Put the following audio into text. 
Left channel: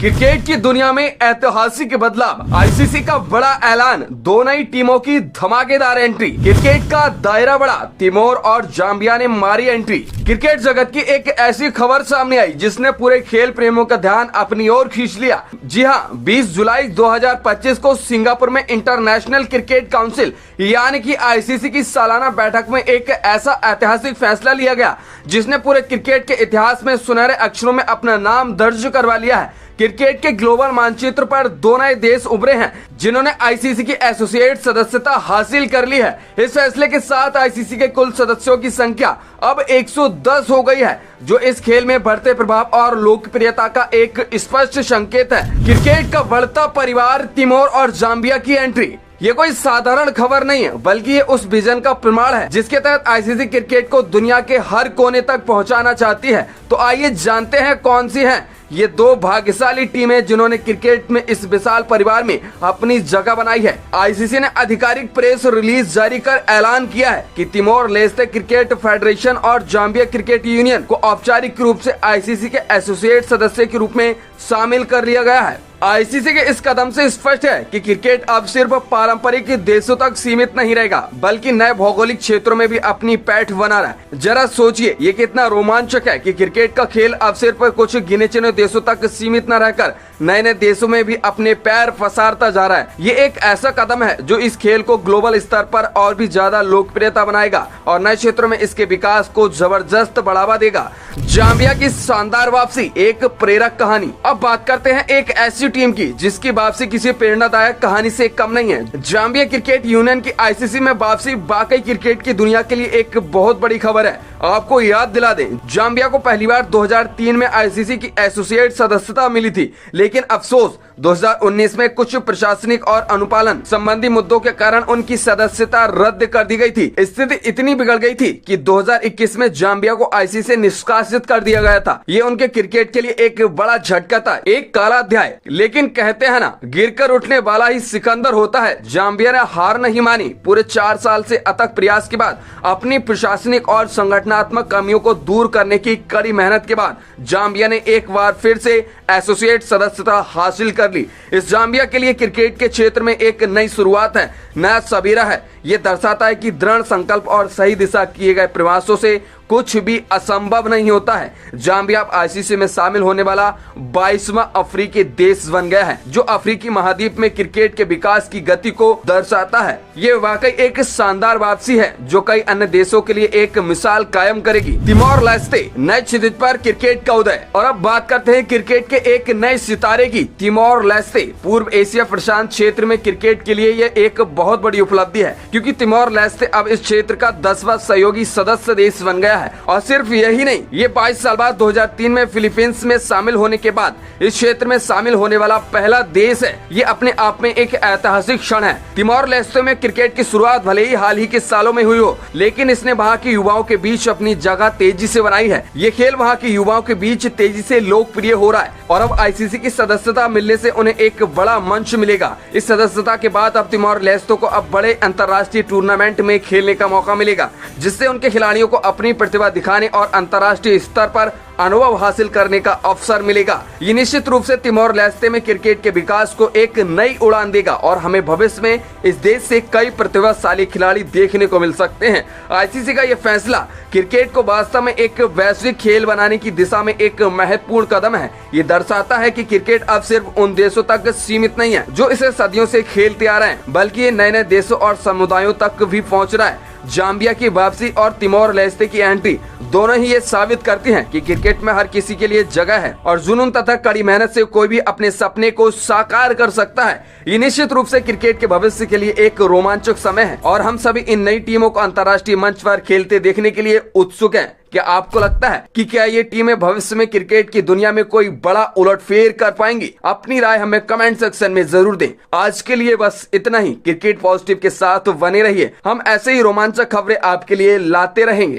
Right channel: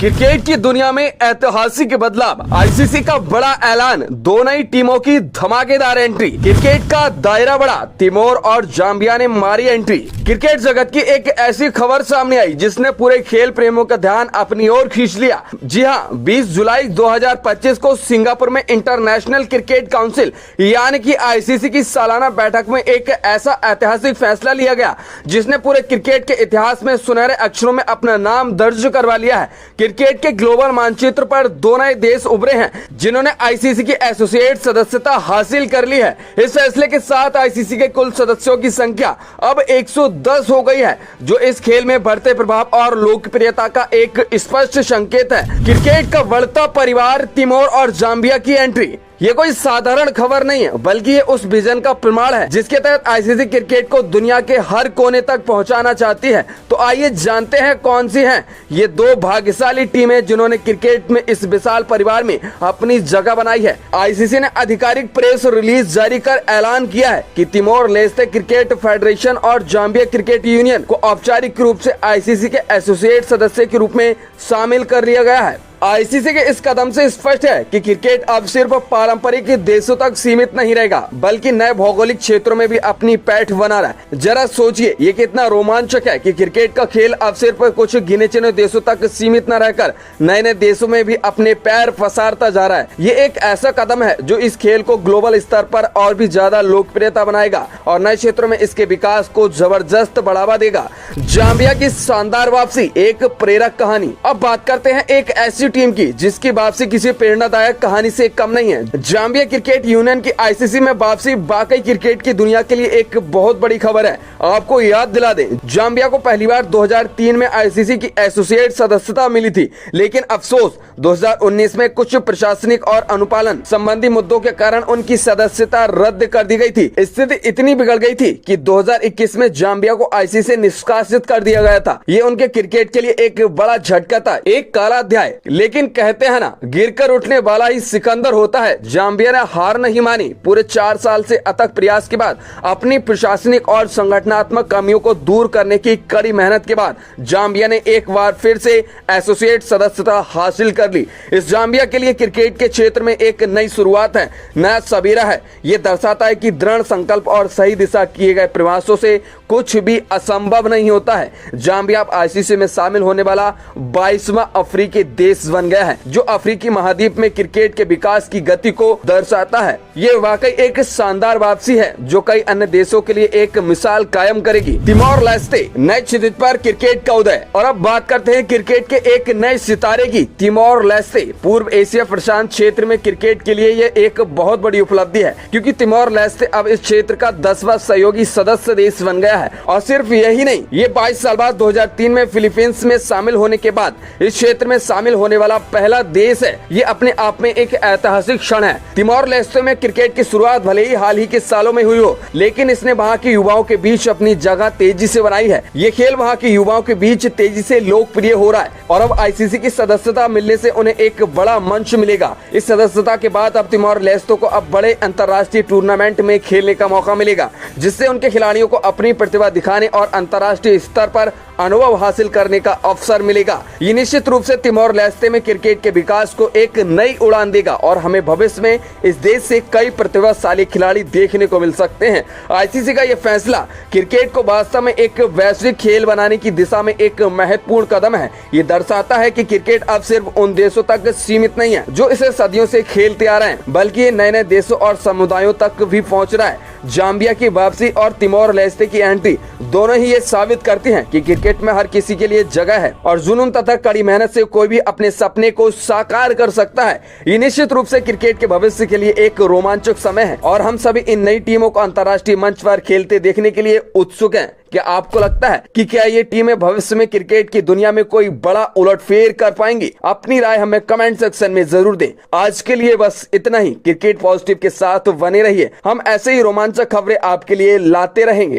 Cricket की दुनिया में ऐतिहासिक बदलाव, आईसीसी का बड़ा ऐलान, दो नई टीमों की धमाकेदार एंट्री, क्रिकेट का दायरा बढ़ा, तिमोर और जाम्बिया ने मारी एंट्री। क्रिकेट जगत की एक ऐसी खबर सामने आई जिसने पूरे खेल प्रेमियों का ध्यान अपनी ओर खींच लिया। जी हां, 20 जुलाई 2025 को सिंगापुर में इंटरनेशनल क्रिकेट काउंसिल यानी कि आईसीसी की सालाना बैठक में एक ऐसा ऐतिहासिक फैसला लिया गया जिसने पूरे क्रिकेट के इतिहास में सुनहरे अक्षरों में अपना नाम दर्ज करवा लिया है। क्रिकेट के ग्लोबल मानचित्र पर दो नए देश उभरे हैं जिन्होंने आईसीसी की एसोसिएट सदस्यता हासिल कर ली है। इस फैसले के साथ आईसीसी के कुल सदस्यों की संख्या अब 110 हो गई है, जो इस खेल में बढ़ते प्रभाव और लोकप्रियता का एक स्पष्ट संकेत है। क्रिकेट का बढ़ता परिवार, तिमोर और जाम्बिया की एंट्री ये कोई साधारण खबर नहीं है, बल्कि ये उस विजन का प्रमाण है जिसके तहत आईसीसी क्रिकेट को दुनिया के हर कोने तक पहुंचाना चाहती है। तो आइए जानते हैं कौन सी हैं ये दो भाग्यशाली टीमें जिन्होंने क्रिकेट में इस विशाल परिवार में अपनी जगह बनाई है। आईसीसी ने आधिकारिक प्रेस रिलीज जारी कर ऐलान किया है कि तिमोर लेस्ते क्रिकेट फेडरेशन और जाम्बिया क्रिकेट यूनियन को औपचारिक रूप से आईसीसी के एसोसिएट सदस्य के रूप में शामिल कर लिया गया है। आईसीसी के इस कदम से स्पष्ट है कि क्रिकेट अब सिर्फ पारंपरिक देशों तक सीमित नहीं रहेगा, बल्कि नए भौगोलिक क्षेत्रों में भी अपनी पैठ बना रहा है। जरा सोचिए, ये कितना रोमांचक है कि क्रिकेट का खेल अब सिर्फ कुछ गिने चुने देशों तक सीमित न रहकर नए नए देशों में भी अपने पैर पसारता जा रहा है। ये एक ऐसा कदम है जो इस खेल को ग्लोबल स्तर पर और भी ज्यादा लोकप्रियता बनाएगा और नए क्षेत्रों में इसके विकास को जबरदस्त बढ़ावा देगा। जाम्बिया की शानदार वापसी, एक प्रेरक कहानी। अब बात करते हैं एक ऐसी टीम की जिसकी वापसी किसी प्रेरणादायक कहानी से कम नहीं है। जाम्बिया क्रिकेट यूनियन की आईसीसी में वापसी वाकई क्रिकेट की दुनिया के लिए एक बहुत बड़ी खबर है। आपको याद दिला दें, जाम्बिया को पहली बार 2003 में आईसीसी की एसोसिएट सदस्यता मिली थी, लेकिन अफसोस 2019 में कुछ प्रशासनिक और अनुपालन संबंधी मुद्दों के कारण उनकी सदस्यता रद्द कर दी गई थी। स्थिति इतनी बिगड़ गई थी कि 2021 में जाम्बिया को आईसीसी से निष्कासित कर दिया गया था। ये उनके क्रिकेट के लिए एक बड़ा झटका था, एक काला अध्याय। लेकिन कहते हैं ना, गिरकर उठने वाला ही सिकंदर होता है। जाम्बिया ने हार नहीं मानी। पूरे 4 साल से अथक प्रयास के बाद, अपनी प्रशासनिक और संगठनात्मक कमियों को दूर करने की कड़ी मेहनत के बाद जाम्बिया ने एक बार फिर से एसोसिएट सदस्यता हासिल कर ली। इस जाम्बिया के लिए क्रिकेट के क्षेत्र में एक नई शुरुआत है, नया सबेरा है। ये दर्शाता है कि दृढ़ संकल्प और सही दिशा किए गए प्रयासों से कुछ भी असंभव नहीं होता है। जाम्बिया आईसीसी में शामिल होने वाला 22वां अफ्रीकी देश बन गया है, जो अफ्रीकी महाद्वीप में क्रिकेट के विकास की गति को दर्शाता है। ये वाकई एक शानदार वापसी है जो कई अन्य देशों के लिए एक मिसाल कायम करेगी। तिमोर लेस्ते, नए क्षितिज पर क्रिकेट का उदय। और अब बात करते हैं क्रिकेट के एक नए सितारे की। तिमोर लेस्ते पूर्व एशिया प्रशांत क्षेत्र में क्रिकेट के लिए ये एक बहुत बड़ी उपलब्धि है, क्योंकि तिमोर लेस्ते अब इस क्षेत्र का 10वां सहयोगी सदस्य देश बन गया है। और सिर्फ यही नहीं, ये 22 साल बाद 2003 में फिलीपींस में शामिल होने के बाद इस क्षेत्र में शामिल होने वाला पहला देश है। ये अपने आप में एक ऐतिहासिक क्षण है। तिमोर लेस्ते में क्रिकेट की शुरुआत भले ही हाल ही के सालों में हुई हो, लेकिन इसने वहाँ के युवाओं के बीच अपनी जगह तेजी से बनाई है। ये खेल वहाँ के युवाओं के बीच तेजी से लोकप्रिय हो रहा है और अब आईसीसी की सदस्यता मिलने से उन्हें एक बड़ा मंच मिलेगा। इस सदस्यता के बाद अब तिमोर लेस्ते को अब बड़े अंतर्राष्ट्रीय टूर्नामेंट में खेलने का मौका मिलेगा, जिससे उनके खिलाड़ियों को अपनी प्रतिभा दिखाने और अंतर्राष्ट्रीय स्तर पर अनुभव हासिल करने का अवसर मिलेगा। ये निश्चित रूप से तिमोर लेस्ते में क्रिकेट के विकास को एक नई उड़ान देगा और हमें भविष्य में इस देश से कई प्रतिभाशाली खिलाड़ी देखने को मिल सकते हैं। आईसीसी का ये फैसला क्रिकेट को वास्तव में एक वैश्विक खेल बनाने की दिशा में एक महत्वपूर्ण कदम है। ये दर्शाता है कि क्रिकेट अब सिर्फ उन देशों तक सीमित नहीं है जो इसे सदियों से खेलते आ रहे हैं, बल्कि ये नए नए देशों और समुदायों तक भी पहुँच रहा है। जाम्बिया की वापसी और तिमोर लेस्ते की एंट्री दोनों ही ये साबित करती हैं कि क्रिकेट में हर किसी के लिए जगह है और जुनून तथा कड़ी मेहनत से कोई भी अपने सपने को साकार कर सकता है। ये निश्चित रूप से क्रिकेट के भविष्य के लिए एक रोमांचक समय है और हम सभी इन नई टीमों को अंतर्राष्ट्रीय मंच पर खेलते देखने के लिए उत्सुक हैं। क्या आपको लगता है कि क्या ये टीमें भविष्य में क्रिकेट की दुनिया में कोई बड़ा उलटफेर कर पाएंगी? अपनी राय हमें कमेंट सेक्शन में जरूर दें। आज के लिए बस इतना ही। क्रिकेट पॉजिटिव के साथ बने रहिए, हम ऐसे ही रोमांचक खबरें आपके लिए लाते रहेंगे।